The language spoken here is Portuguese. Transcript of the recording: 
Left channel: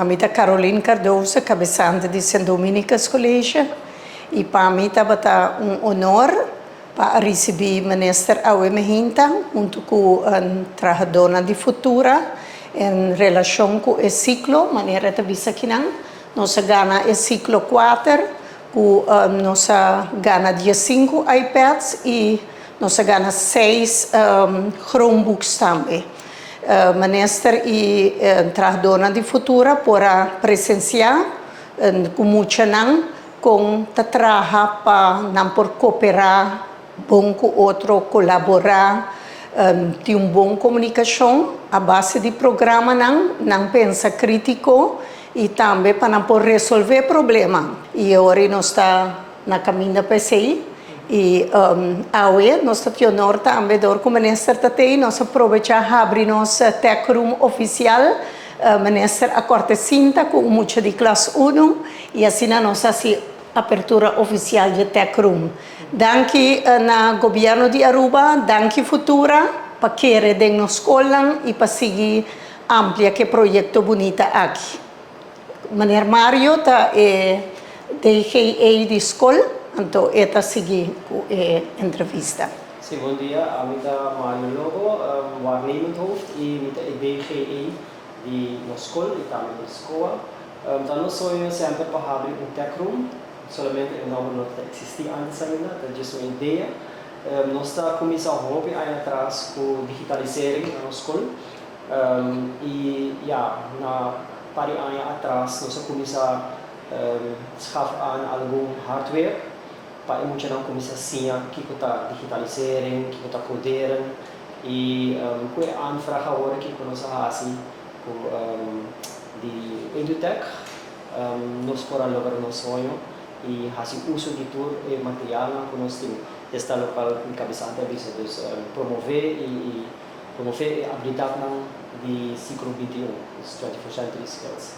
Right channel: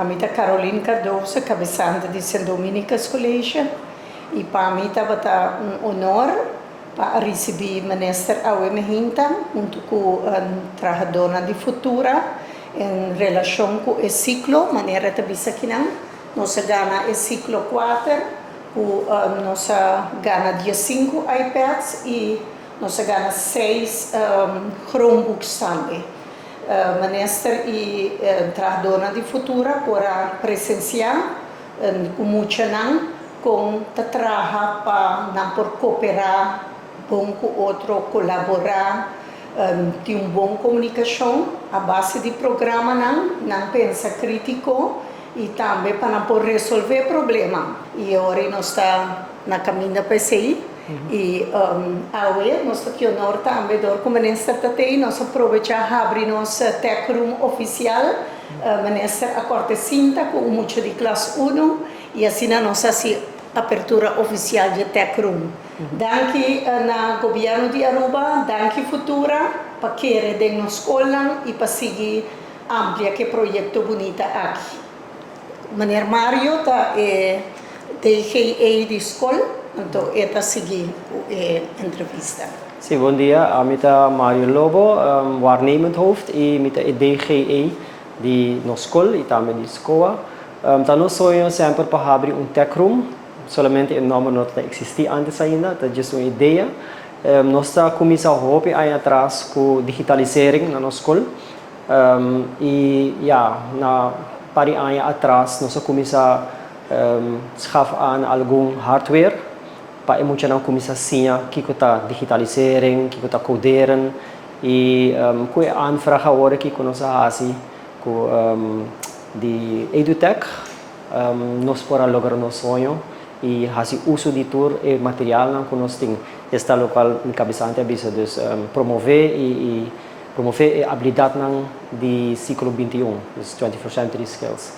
Amita Caroline Cardoso, cabeçante de St. Dominicus College. E para mim estava honor para receber o ministro Aue Mehinta, junto com a trabalhadora de futura, em relação com o ciclo, maneira de bisa aqui não. Nós ganhamos o ciclo 4, com nós ganhamos 5 iPads e nós ganhamos 6 Chromebooks também. Ministro e trabalhadora de futura para presenciar com muito não com trabalhar para não por cooperar bom com outro colaborar ter uma boa comunicação a base de programa não pensa crítico e também para não por resolver problema e agora nós está na caminho para sair e agora nós temos o honor também de como ministro também nós aproveitar abrir nosso tech room oficial ministro a corte cinta com muito de classe 1 e assim nós assim apertura oficial de tech room. Danke na governo de Aruba, danke futura para querer de na escola e para seguir amplia que projeto bonita aqui. Maneiro Mario tá DGA de escola, então está seguir a entrevista. Sim, bom dia. Amita Mario Lobo, waarnemend hoofd e mita DGA de na escola e também de escola. Então nós sonhamos sempre para abrir tech room. Solamente o nome não existia antes ainda, é só uma ideia. Nós estamos começando aí atrás com digitalização na nossa escola. E na pari anos atrás nós começamos a schafar algum hardware para emocionar começar assim que está digitalisering, que está coderen e com a anfrage agora que nós fazemos com de EduTech nós podemos lograr nosso sonho e fazer uso de todo o material que nós temos. Esta local em cabeçante avisa dus promover e promover a habilidade do século 21, dos 21st century skills.